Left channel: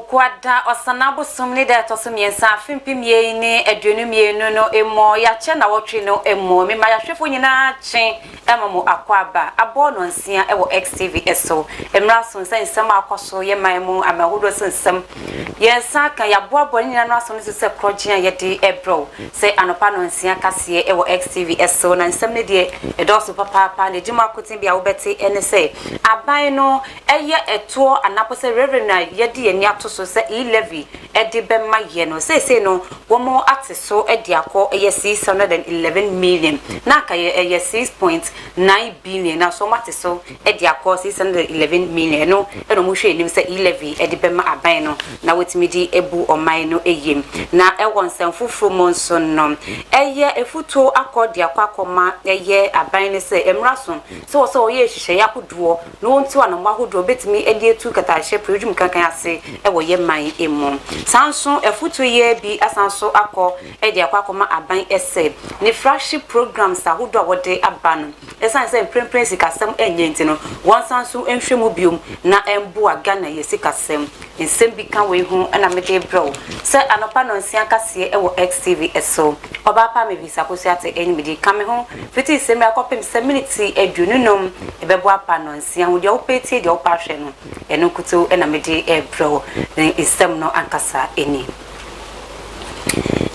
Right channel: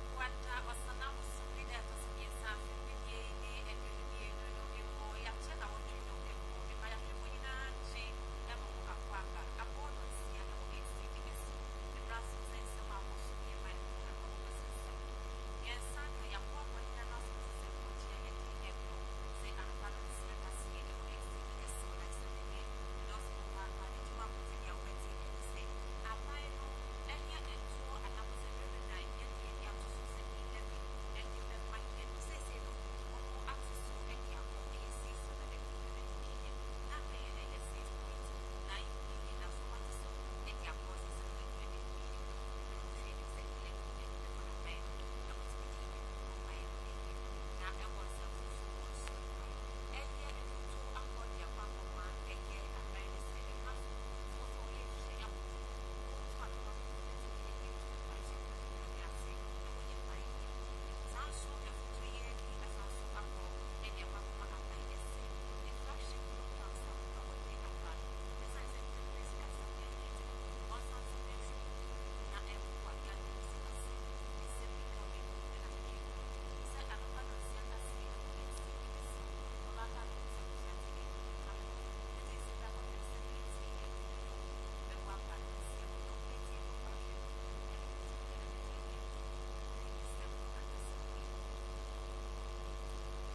kwada osanabo sumni da to so miensa fimpim ye ni aduonum ye no emo ya che na wotwe no emo me ma ya hwefo nyina chen emamo akwaba abo no nsia e wo XTV eso emra so nsan nsam akoso ye manmu amahudo sensam yensa kan ya boabo nyina no aso no se krogian ye de ebro se anopa no nsia kase e wo XTV eso na nsam ne de edoso papa ne jima kotin bia wo beti ene se aban no eye eto anapo se reverend ye de ni ato so se levy edi bema ye no se no womo ateso edi akọ eye 611 million na ka eye 6.9 billion na so mateso edi akọ 611 million no eno mo hwe nim se levy edi bema aban no na wetimi di ebu oman no eyem na ewon nsem fufuru mo nso no eye efuto akọ di akọ akọma eye aban ne se emraso so oye hihye yakoduo no wonti wa no mahodo betimi edi etu kata hye projum kankan ase ewo ye man emu sanso efutu ye bi asanso akọ edi akọ akọma aban ese ne flagship programs ahodo awode aban esan se prempren sikasem enye ntino won sanso enhwemu biom na embo aga na ye sikasem nsem bi kan we hu na mede bro se anopa no nsia kase ewo XTV eso oba pa me visa kosi ate enimidi kame ho fiti semi akopem se minute adununom ebebo apa no nsia ho de opeti de opa hwe no eno kutu na mede bro isem no ankasa eni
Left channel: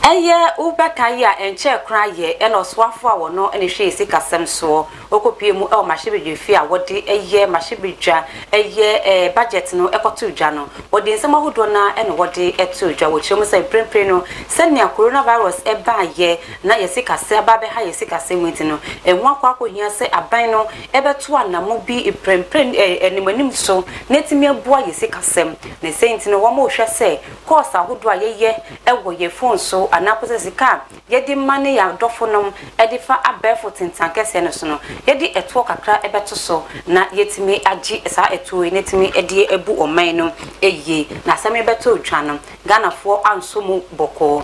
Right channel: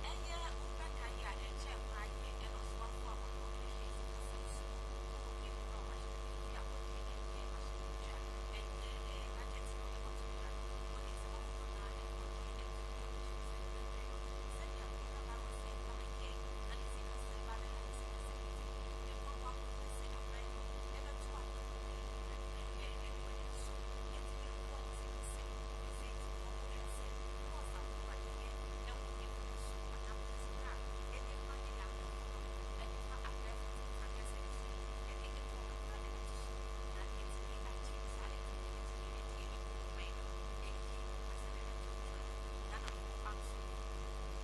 eye ubekaya enche kra ye eno swafo a wono ene hwe sikasem so okopie mu e mahebedwefi a wode eye mahebedwa eye budget no ekoto dwa no wode nsem ahodo na ene wode eto dwa wo chemu say prempre no senia coronavirus eba ye na yesikase aba be ha yesikase mwenti no enwa akwa se aban no ebeto anamo bi prempre enemanim so netimi aboa yesikasem ne senti no wo mo hwe se course ahodo a yeye ewo ye phone so anapose sika yedi mane ya dofonom edifa abefo tintankese no so no yedi eto kakra ebeto so na yetimi agi sa eto netimi edi ebu oman no eye na same beto twa no ganafo ansomu boko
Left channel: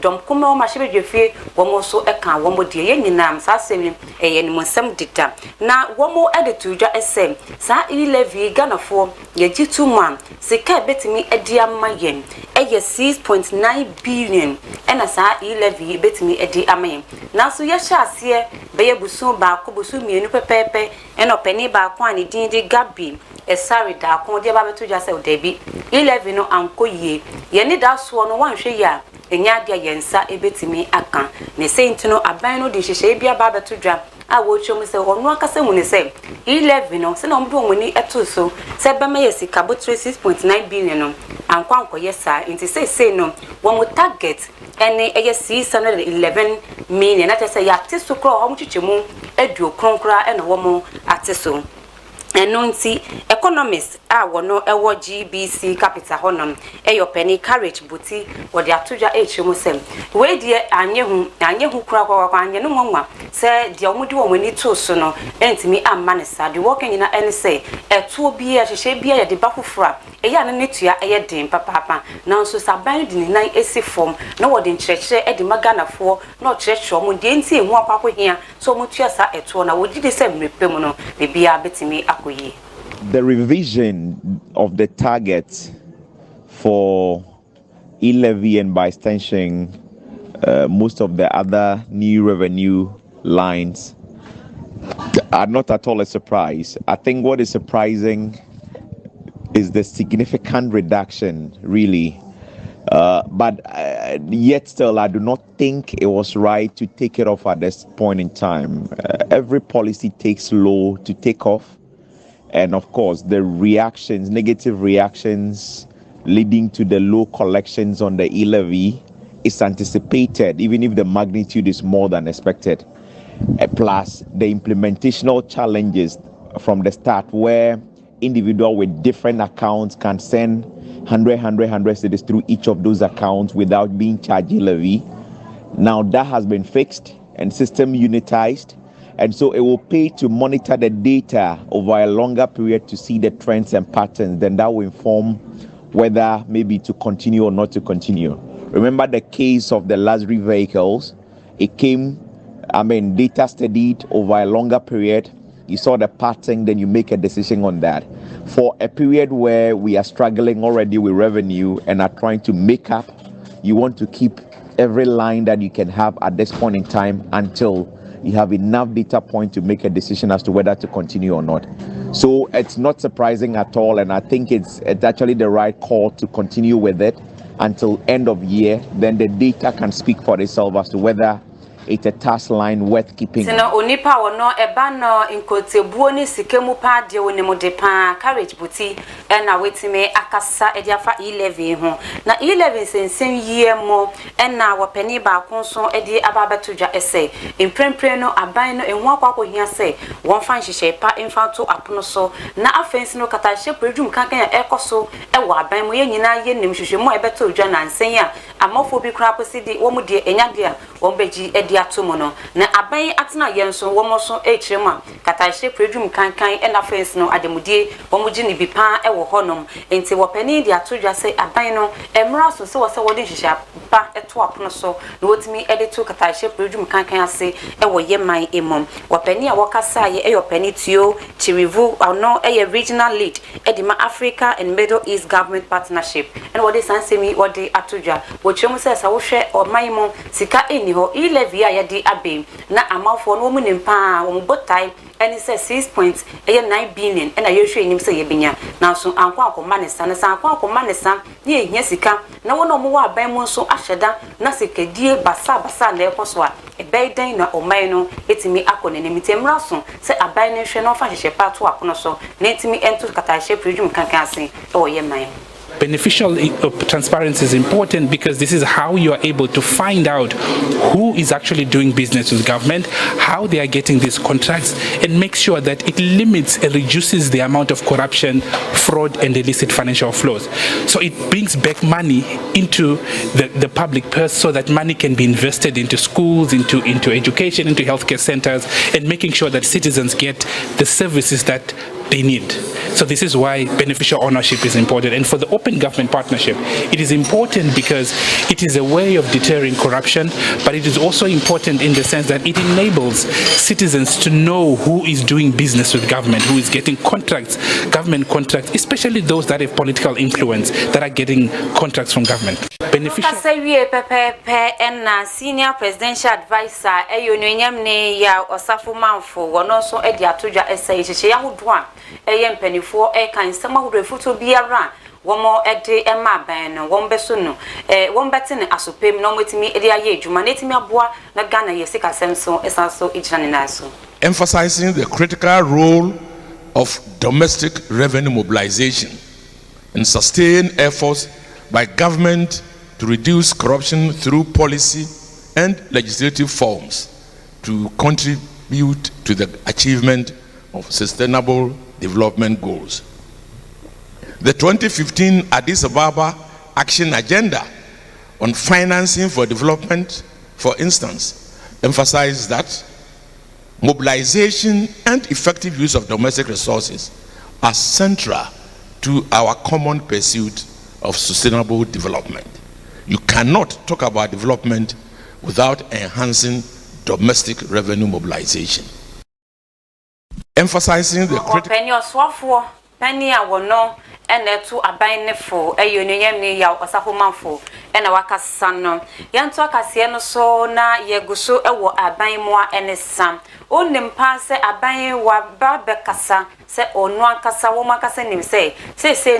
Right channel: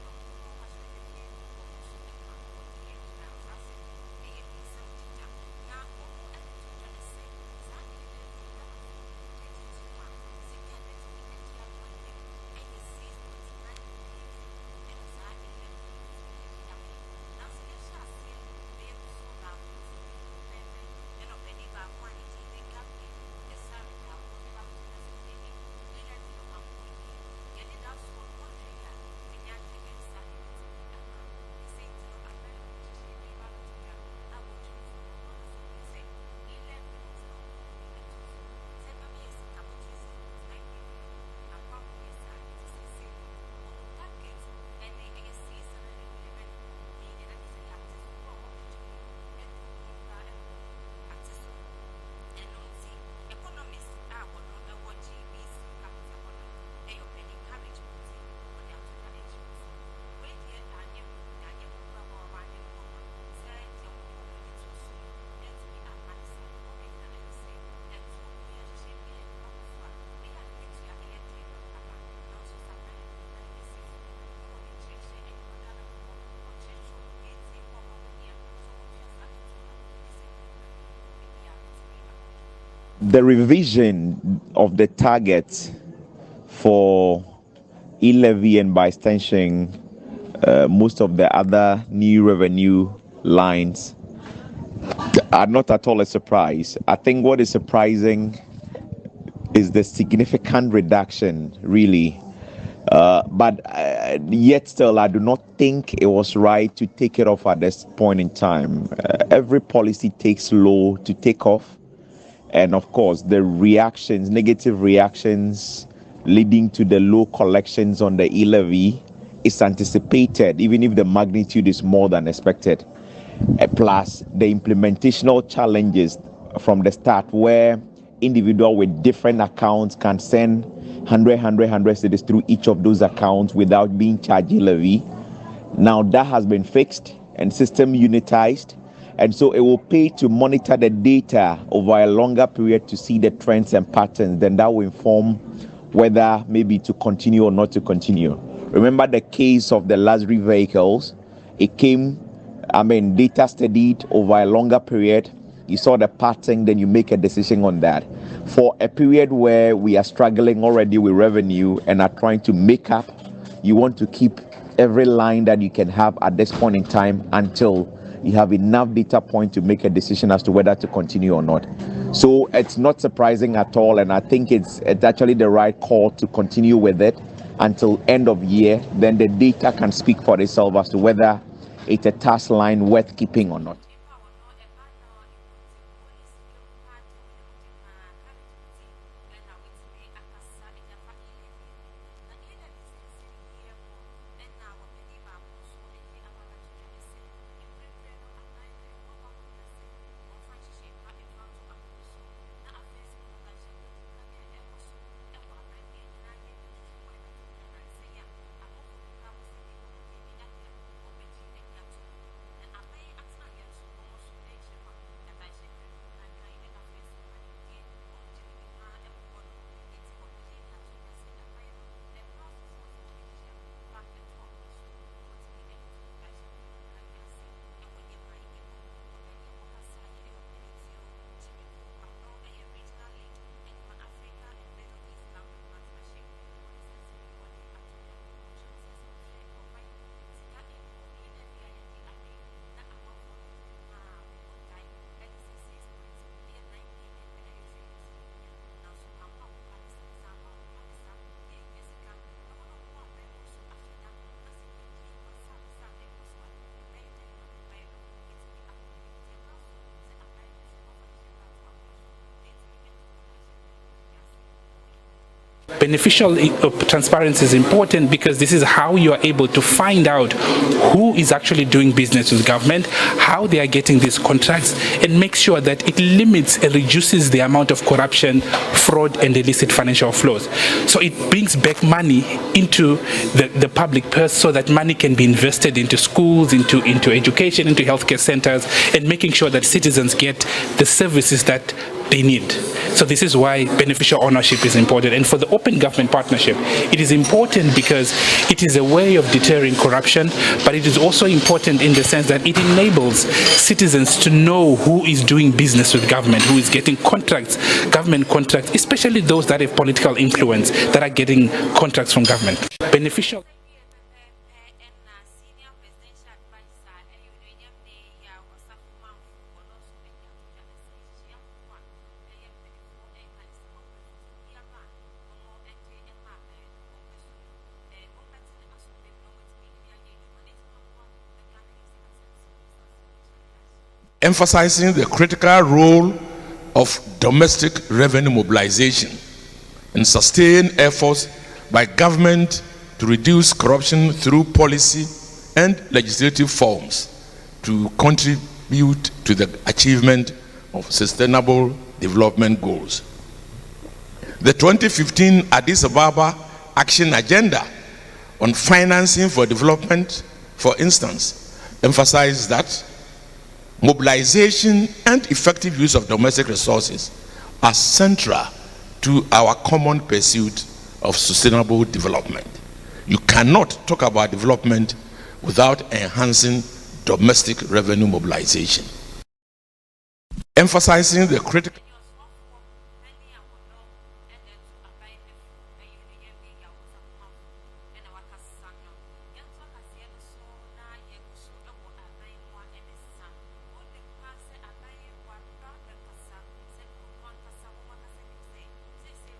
dom kuma o mahebedwefie wo so eka wo de ye nyinam sa semi eye ni monsam dita na wo edetudwa ese sa levy ganafo yeji 2 man sika betimi edi amayen eye 6.9 billion ena sa levy betimi edi amayen na so ye hyase beye busu ba ko busu mienu pepepe ena opani ba ko ani din di gabi esari da ko de ba beto dwa se odebi 11 no anko ye ye ni da so no wanhwe ya enya dia yensa ebetimi aka ne sentino aban no de hyehye bia ba beto dwa a wo chom se ono akasa mu ne se 11 no se na omdo omuni eto so se be me yesika bo 6.9 billion no anko yesa inti se no wo mo target ene eye 611 million na tese ya teso kro o mo chichemu edu kronkra ene wo mo ateso enonti economists a wono ewo GBC capital honam eyo penny carriage buti wode atodwa echemu sem we die anyehu kura kwa anye no nwanwa se die omudi wo mani to so no entimi amma ne sa de wokan nyina ene se eto bi a hyehye bi a de bakofura eya ne netua eye den papa na nso saban di nan esi form na wode nkyerɛkyerɛ edi maganafo na ɔkyerɛkyerɛ omo de enti ehu akwakwo hia so omo tua sa eto na wodi de se mrepem no bebia betimi akoyi. The revision of the target for e-levy and by extension most of the other new revenue lines are not at all a surprise. I think what is surprising is the significant reduction, really. But yet still, I do not think it was right to take it off at this point in time. Every policy takes low to take off. And of course, the reactions, negative reactions leading to the low collections on the e-levy is anticipated, even if the magnitude is more than expected. Plus, the implementational challenges from the start where individual with different accounts can send 100 cities through each of those accounts without being charged levy. Now that has been fixed and system unitized. And so it will pay to monitor the data over a longer period to see the trends and patterns. Then that will inform whether maybe to continue or not to continue. Remember the case of the luxury vehicles. It came, data studied over a longer period. you saw the pattern, then you make a decision on that. For a period where we are struggling already with revenue and are trying to make up, you want to keep every line that you can have at this point in time until you have enough data point to make a decision as to whether to continue or not. So it's not surprising at all, and I think it's actually the right call to continue with it until end of year. Then the data can speak for itself as to whether it's a task line worth keeping. Sino onipa wono eba no inkotebuo ni sikemu pa de wonimo de pa carriage buti na wetime akasa ediafa 11 ho na 11 sensen yie mo na wopani ba konso edi ababetudwa ese imprempre no aban no enhu akwakwo hia se won fan hihye pa infanto apono so na afensi no katahye predum kankan ekoso ewo aban mo ye nyina ye nim hwehwe mo ebetudwa na nsen a amofo bi kra posidi wo mu de enyade a won beji edi atomo no na aban atena yenso wo mo so echirema katahye predum kankan na fence no ademudie wo mu gi ni bi pa ewo honom enti wo pani de atodwa se aban no emra so se wo se wo de hihya pa eto apono so na wotimi editu katahye predum kankan ase ewo yeman emom wo pani a wo kasa ye eyo pani tio chirivu no eye regional lead edima Africa and Middle East Government Partnership and what is ansemi what de atodwa wo chemu se sa wo hwe o maimo sika eni ho levy a yedi abe na amafo no mu nimpa wo botai eni se 6.9 billion na yehwe nim se yebenya na so anko akoma ne sa na sa anko akoma ne sa ne ehia sika na wo no mo wa aban mu so ahyeda na sekadie basa na ekoso a ebeden na oman no etimi akone ne mitemra so se aban ne hwe no fa hye pato akono so na etimi ento katahye predum kankan ase o yeman. Beneficial transparency is important because this is how you are able to find out who is actually doing business with government, how they are getting these contracts, and make sure that it limits and reduces the amount of corruption, fraud, and illicit financial flows. So it brings back money into the public purse so that money can be invested into schools, into education, into healthcare centers, and making sure that citizens get the services that they need. So this is why beneficial ownership is important. And for the open government partnership, it is important because it is a way of deterring corruption, but it is also important in the sense that it enables citizens to know who is doing business with government, who is getting contracts, government contracts, especially those that have political influence, that are getting contracts from government. Beneficial. Senior presidential advisor ya Osafo Manfo wono so edi atoja essay hye yahodwa penifo kan sama hurefuto biara womo ede ema ban no wombeso no wombete ne asopem no metimi ede aye adwuma netimi aboa na Ghana yesika semso esanso ejina ne naso. Emphasizing the critical role of domestic revenue mobilization and sustained efforts by government to reduce corruption through policy and legislative forms to contribute to the achievement of sustainable development goals. The 2015 Addis Ababa Action Agenda on Financing for Development, for instance, emphasized that mobilization and effective use of domestic resources are central to our common pursuit of sustainable development. You cannot talk about development without enhancing domestic revenue mobilization. Emphasizing the critical enetu abainefo eyoneyem ne ya Osafo Manfo ena wakasa no yanto akase no so na yeguso ewo abanmoa enesam onimpa se aban wa babekasa se onu akasa wo makasa nim se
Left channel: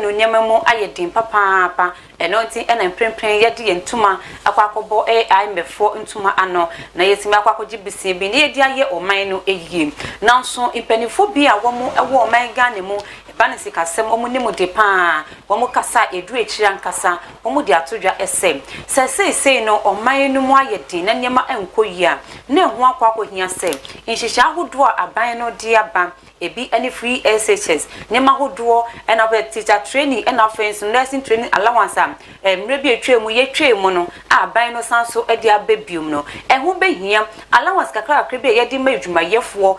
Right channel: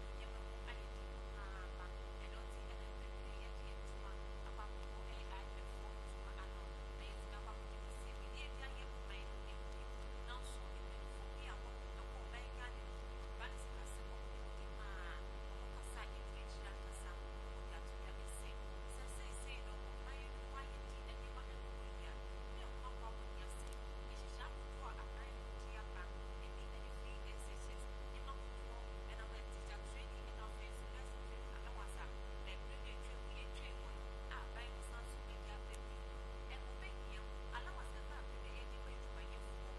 no nyemamu ayedin papa eno nti ena mprempren yede yentuma akwakobo AI mefo ntuma ano na yesimi akwakoji bisin bi ne yedi aye oman no eyi nanso impanifo bi a wo mu ewo oman Ghana mu banisi kasem omu nimu de pa womu kasa edu echira nkasa omu de atodwa esem se no oman no mu ayedi na nyema enkoyia na ehu akwa hia se nhihya ahodo a aban no de aba ebi any free SHS nema hodoɔ ɛna be teacher training ɛna friends nursing training allowance am mre bi etwa mu ye twa mu no aban no sanso ɛde abebium no ɛho behia allowance kakra kakra bi yɛde ma adwumayɛfoɔ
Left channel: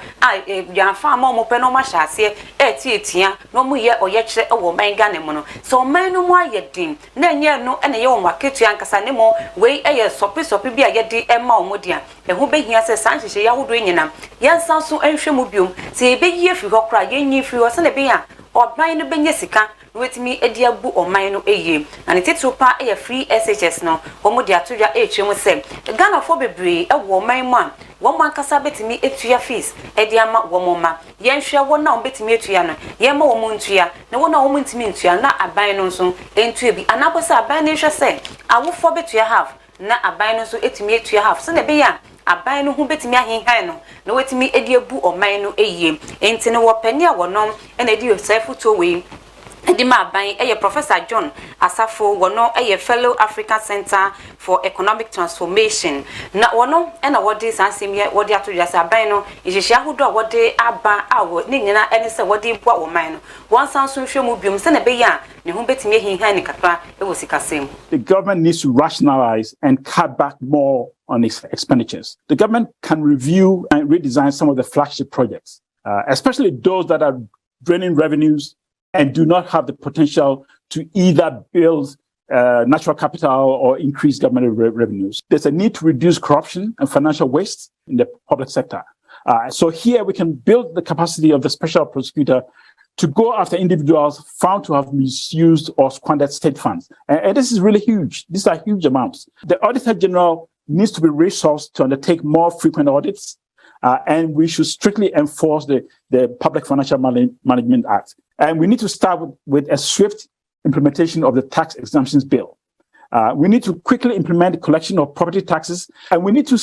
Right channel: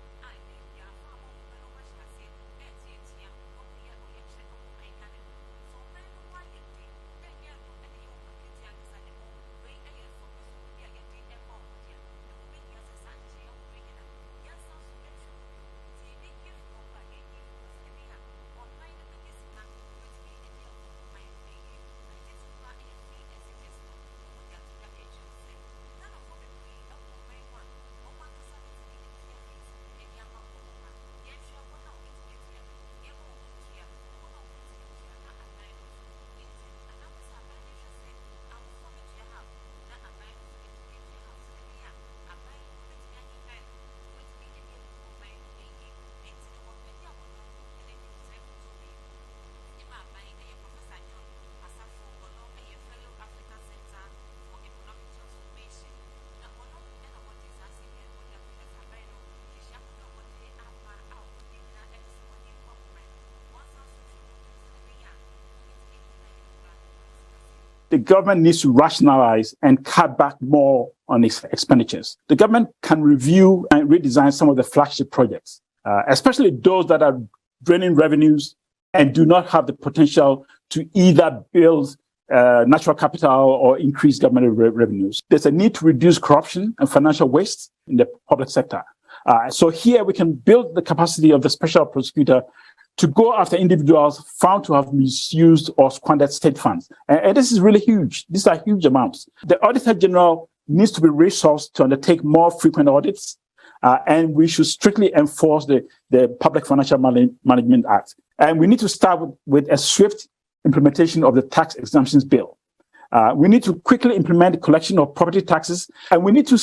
yanfa ma ɔmo pɛ no ma hyase etia no mu ye ɔyɛ kyerɛ ɛwɔ man Ghana mu no so man no mu ayɛ din na nyɛ no ɛna yɛ wɔ maketu ankasa ne mo wei ɛyɛ sopi bi a yɛde ɛma ɔmo dia ɛho behia sɛ sanhyehyɛ yahodo nyina yɛnsan so ɛhwɛ mu biom sɛ yɛbɛyi afi hɔ kora yɛnyi afi hɔ sɛ na be ya ɔban no bɛnya sika wetimi edi abu ɔman no eye na ne titiri pa ɛyɛ free SHS no wɔn de atodwa ɛtwe mu sɛ Ghana fo bebree ɛwɔ ɔman mu a wɔn ankasa betimi etua fees ɛde ama wɔn ma yɛnhwɛ wɔn na wɔn betimi etua no yɛma wɔn ntua na wɔn a wɔn ntimi ntua na aban no nso entua bi anapɔ sɛ aban no hwɛ sɛ awofo betua half na aban no nso etimi etua half sɛ na be ya aban no ho betimi ahenhan no na wetimi edi abu ɔman no eye enti no wɔpani a wɔnom ɛna edi yosefuto wei Edima Aban, Professor John Asafo, wono fellow African Center for Economic Transformation. Na wono ena wodi sansemye wodi atodwase aban no ihihia hodo a wodi aba awo ne nyina ene se wodi bua wo man no. Won sanso hwe mu biom se na be ya ne ho betimi hinhan ne kakra e wo sikasem. The government needs to rationalize and cut back more on its expenditures. The government can review and redesign some of the flagship projects, especially those that are draining revenues and do not have the potential to either build natural capital or increase government revenues. There's a need to reduce corruption and financial waste in the public sector. So here we can build the capacity of the special prosecutor to go after individuals found to have misused or squandered state funds. And this is really huge. These are huge amounts. The Auditor General needs to be resourced to undertake more frequent audits. And we should strictly enforce the Public Financial Management Act. And we need to start with a swift implementation of the tax exemptions bill. We need to quickly implement the collection of property taxes, and we need to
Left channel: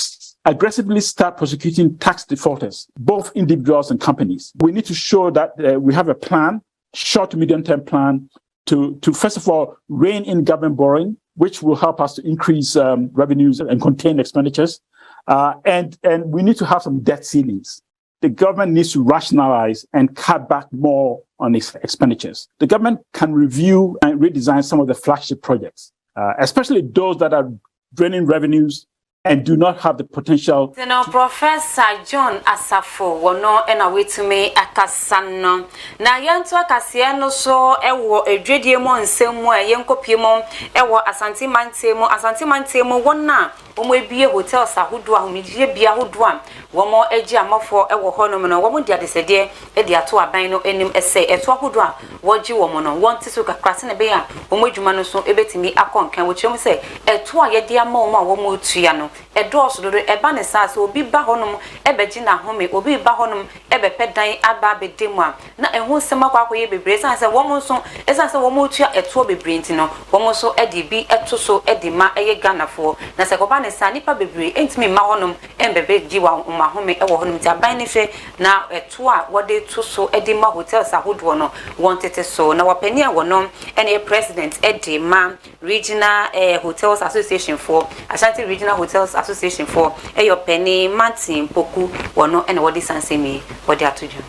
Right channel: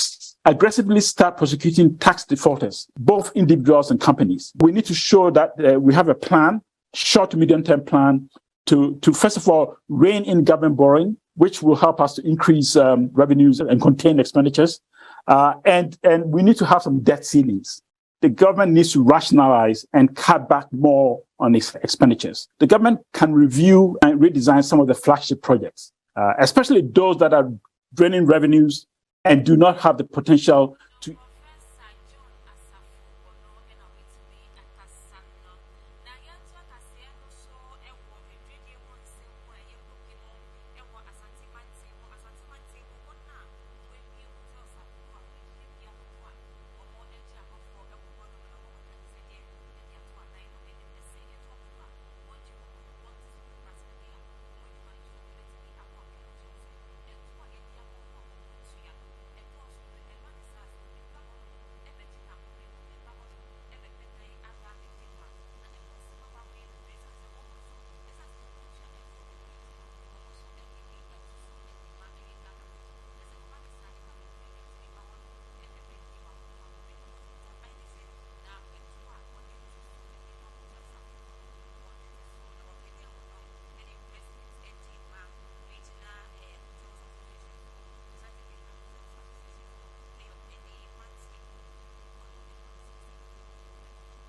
aggressively start prosecuting tax defaulters, both individuals and companies. We need to show that we have a plan, short to medium-term plan, to first of all, rein in government borrowing, which will help us to increase revenues and contain expenditures. And we need to have some debt ceilings. The government needs to rationalize and cut back more on its expenditures. The government can review and redesign some of the flagship projects, especially those that are draining revenues and do not have the potential. Professor John Asafo wono ena wetumi akasano na yanto akasia no so ewo edwedie mo nsemu a yenkopie mo ewo Asante Mante mo wona omo ebie hotels ahodo ahomidie bia ahodo a womo agi amafo ewo honom no womo dia desede e dia to aban no enim ese eto ahodo a wogi womo no wonti so kakrase ne be ya womo adwuma no so ebetimi akonkan wo kyerem se eto a ye dia ma womo a womo otua no edoso do eba ne sa so obi ba honom ebeji na home obi ba honom ebepe dan aba bedemu a na ehu sema kwa akoye bebre san se womo so esan se womo otua eto bebre nti no womo so edi bi eto so edi ma eye Ghanafo na se koba ne sa nipa bebre entimi ma honom embebe ji wa ma home ewo honom ti aban ne hwe na eto a wode to so edi ma hotels ahodo no wontete so na wapani a wonom ene president edi ma regional hotels association for Ashanti Regional Hotels Association for your penny Martin Poku wono ene wodi sansemi wodi atoju.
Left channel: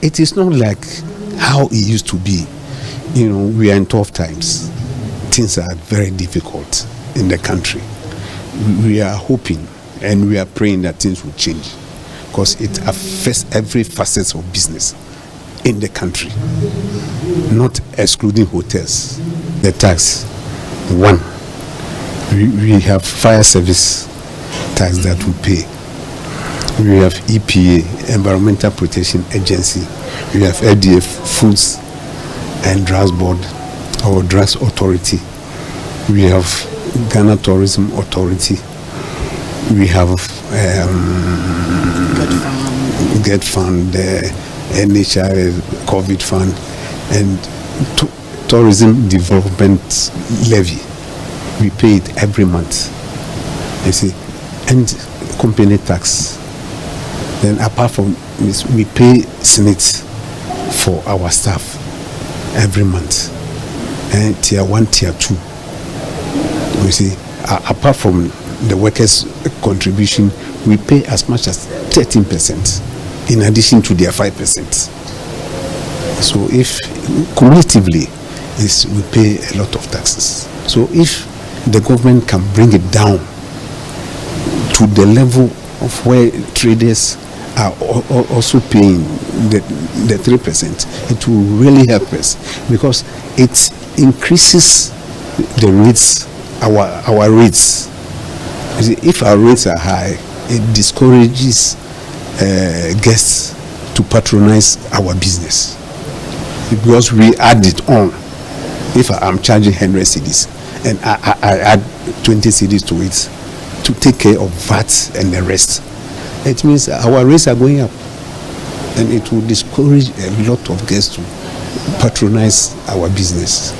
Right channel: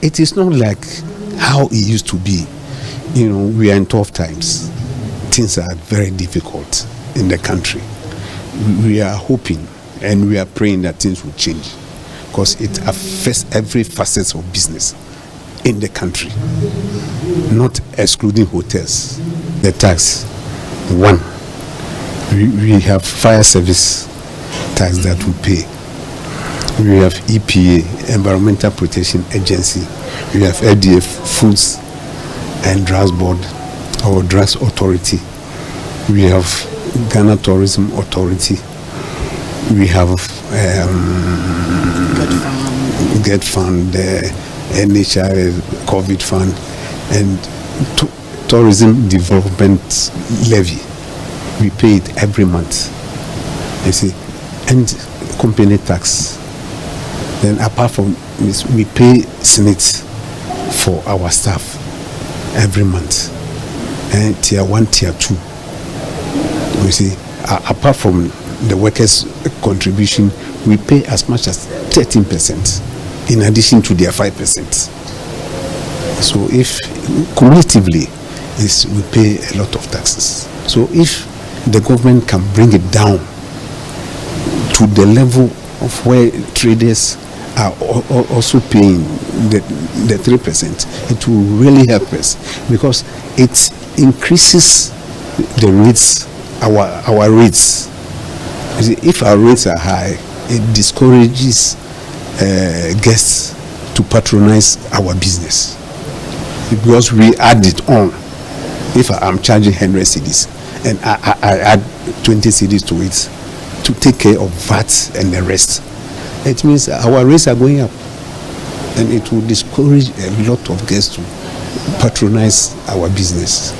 It is not like how it used to be. You know, we are in tough times. Things are very difficult in the country. We are hoping and we are praying that things will change because it affects every facet of business in the country, not excluding hotels. The tax, one, we have fire service tax that we pay. We have EPA, Environmental Protection Agency. We have LDF, Foods and Drugs Board, or Drugs Authority. We have Ghana Tourism Authority. We have GET Fund, the NHI COVID Fund, and Tourism Development Levy. We pay it every month, you see, and company tax. Then apart from this, we pay Senate for our staff every month, and tier 1, tier 2. You see, apart from the workers' contribution, we pay as much as 13%. in addition to their 5%. So if cumulatively, we pay a lot of taxes. So if the government can bring it down to the level of where traders are also paying the 3%, it will really help us, because it increases the rates, our rates. You see, if our rates are high, it discourages guests to patronize our business, because we add it on. If I'm charging 100 cedis and I add 20 cedis to it to take care of VAT and the rest, it means our rates are going up, and it will discourage a lot of guests to patronize our business.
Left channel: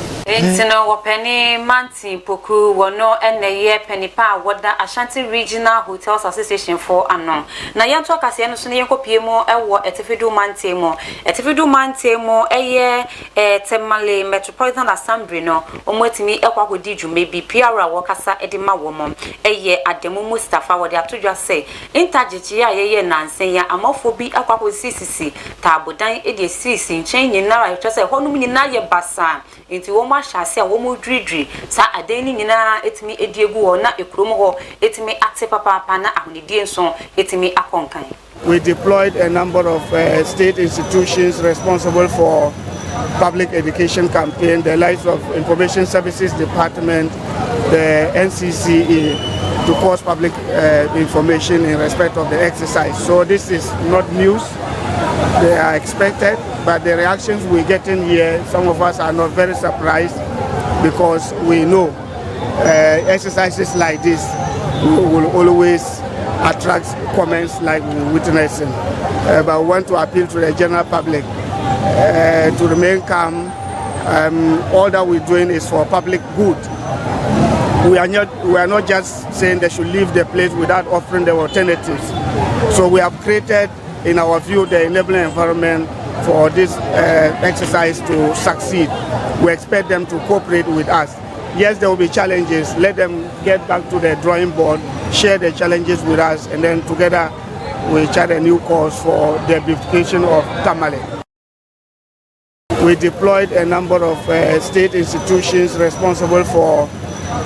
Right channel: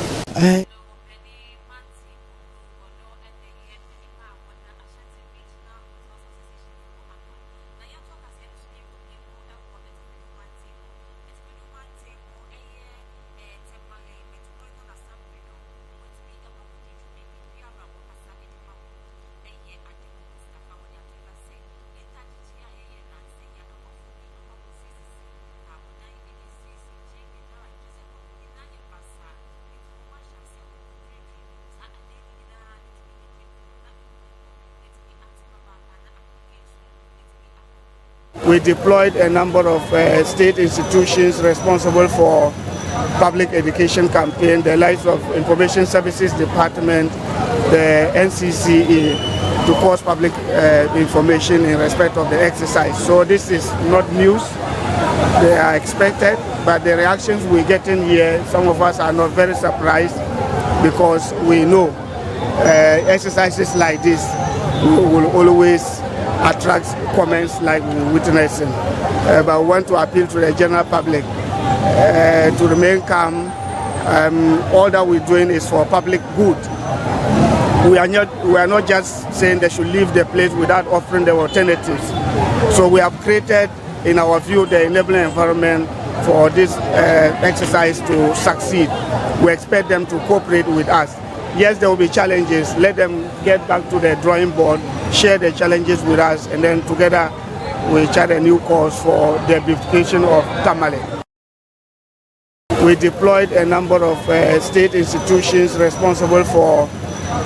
Penny Manti Poku wono ene penny pa wada Ashanti Regional Hotels Association for anon. Na yanto akase no so ne yenkopie mu ewo Etifedu Mante mo eye Temale Metropolitan Assembly no omwetimi ekwakodi dwuma bi PR wokasa edima womo eye Ademu Mustafa wode atodwa say interjechi ya yeye nansen ya amafo bi akwakosi sisi tabodan ede sisi nchen nyina ra twese honum nyina ye basa nti wo ma hyase a wo mo dridri sa adeni nyina etimi ediegu wo na ekrom ho etimi ate papa na ahunidie nso etimi akonkan. We deployed a number of state institutions responsible for public education campaign, the likes of Information Services Department, the NCCE, to cause public information in respect of the exercise. So this is not news. They are expected, but the reactions we're getting here, some of us are not very surprised, because we know exercises like this will always attract comments like we're witnessing. But we want to appeal to the general public to remain calm. All that we're doing is for public good. We are not just saying they should leave the place without offering the alternatives. So we have created, in our view, the enabling environment for this exercise to succeed. We expect them to cooperate with us. Yes, there will be challenges. Let them get back to the drawing board, share the challenges with us, and then together we chart a new course for the beautification of Tamale. We deployed a number of state institutions responsible for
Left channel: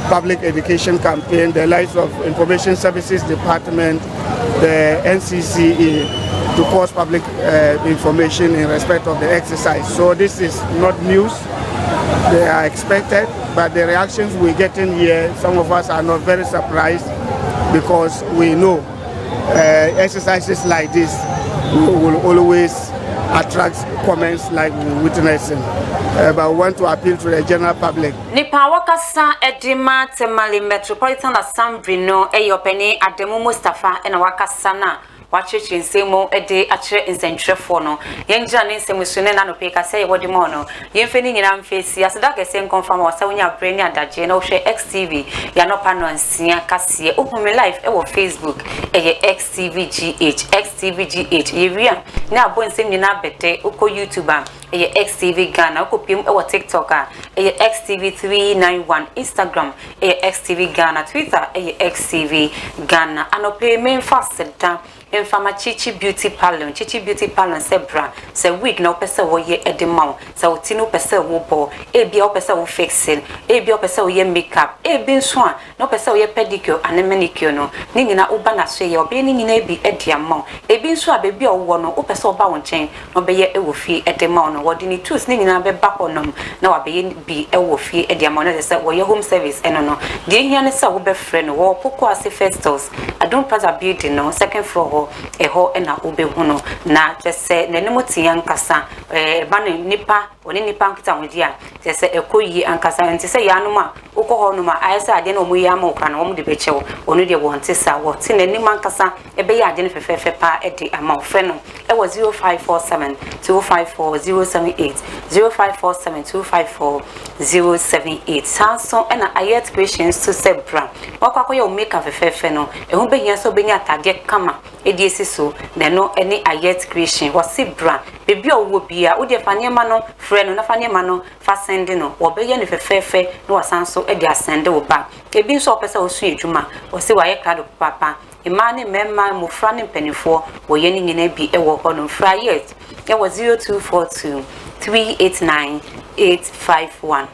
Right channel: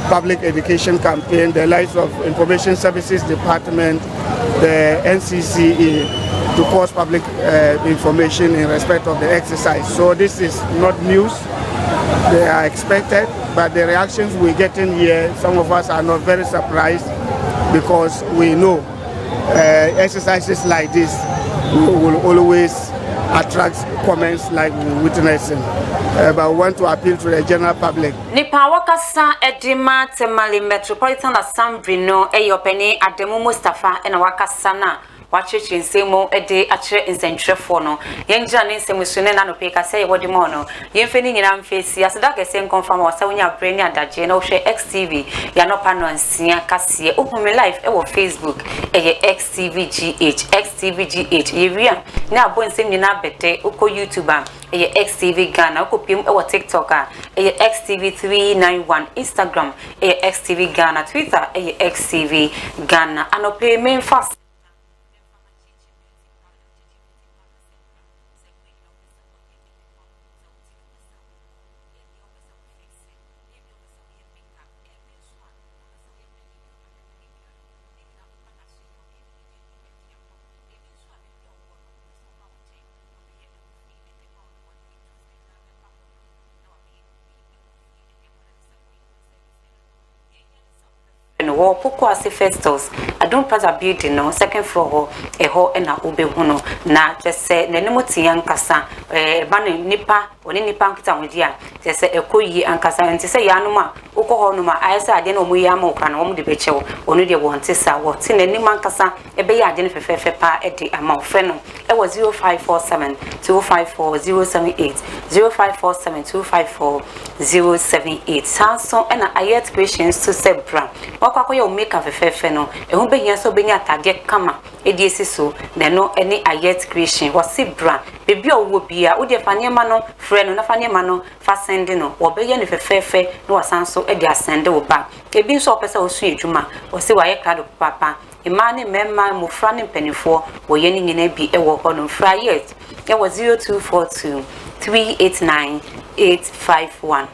public education campaign, the likes of Information Services Department, the NCCE, to cause public information in respect of the exercise. So this is not news. They are expected, but the reactions we're getting here, some of us are not very surprised, because we know exercises like this will always attract comments like we're witnessing. But we want to appeal to the general public. Nipa wakasa edima Temale Metropolitan Assembly no eyopeni Ademu Mustafa ena wakasa na wachichi nsemo ede achire nsenthrefo no yengira ne nsemusune na no peka say wodi mo no yemfeni nyina mfesi aseda kese confirm wa sawunya brand adaje na wo hwe XTV ya no pa no ansia kase open live e wo Facebook eye XTVGH yewia na abonsem nyina bete uko YouTuber eye XTV Ghana uko pim e wo TikTok eye XTV391 Instagram eye XTV Ghana Twitter eye XTV Ghana anope main fast down Infama Chichi Beauty Parlor, Chichi Beauty Parlor Sebra, se wig no pesa wo ye edemau, sa utino pesa wo bo, ebi o pesa wo fixing, ebi o pesa wo ye makeup, ebi nswa, no pesa wo ye pedicure and manicure no, ni nyina uba na so ye obi ni nyina ebi ediamau, ebi nswa bebi o wo no, o pesa oba won chen, no be ye ewo fie edemau no, wodi ni tools ni nyina be back onom, na wa be ye bi ewo fie ediamau na se wo ye home service eno no, de hia ne sa wo be frɛ no, wo poko ase festos, Adon Plaza building no, second floor eho ena obehuno na tese nenimotia nkasa bane nipa oni nipa nkita hodia tese ekoyi ankasa ntese yanuma ukoho numa ayesa ade na omuyi amoka na omu de bechewo onu de wonte sa wote nenima nkasa ebe ya ade ne fefefe pa ede ama ofre no ewo 0547 254078 0547 254078 sanso ena ayet questions to sebra wakwakoye o make fefefe no ehu behia so benya atade kama esi so na no any ayet creation wasi bra bebi owo bia wo de faniema no frɛ no na faniema no fa send no wo be ye ne fefefe no wasanso e de asende wo ba ebi nso opese wo su edwuma wo se waye krado papa imane memma mufra ne mpanifo wo ye ne nyina bi e wo ho no fra yes e wo 0242 389 851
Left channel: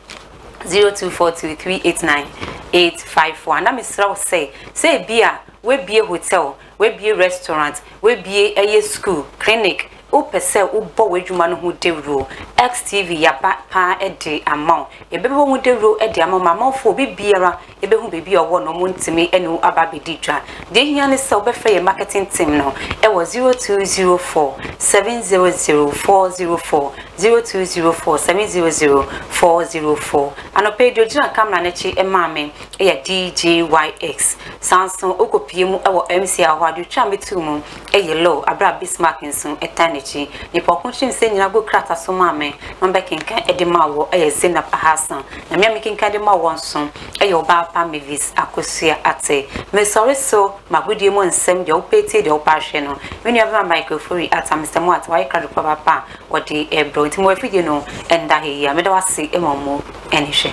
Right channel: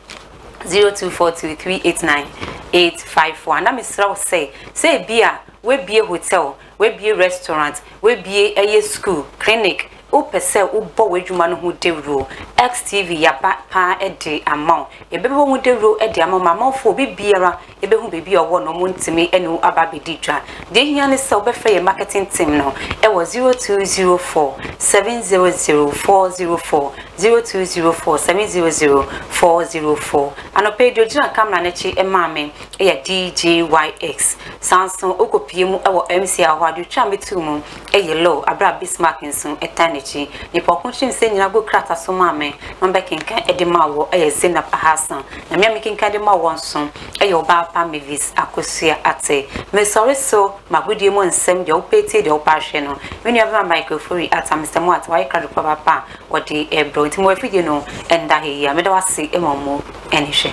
0242 389 851 na misra wo say bia we bie hotel we bie restaurant we bie eye school clinic o pese o bo wadwuma no ho dewro XTV ya pa ede amount ebebo ho dewro ede amount mamofo obi biara ebehu bebi owo no mo ntimi enu ababedi dwa de hia ne se obefa ye marketing team no e wo 0204 700 404 0204 700 404 anope dojina kamera ne chi emame e ya DJYX Samsung okopie mu e wo MC ahwadu twa metumu e yellow abra Bismarck nso etanichi ni pokunchi nse nyina go krata so mame number kinkan edemawo e Zainab Hassan na me kinkan edemawo nso e yo ba pa Mavis Akosua ate me sorry so magudie mo nsem de opete de opahwe no when you have a microphone at Mr. Moat why crowd papa or the ebro ntimo afidie no enda he ya me da wase emomo enihwe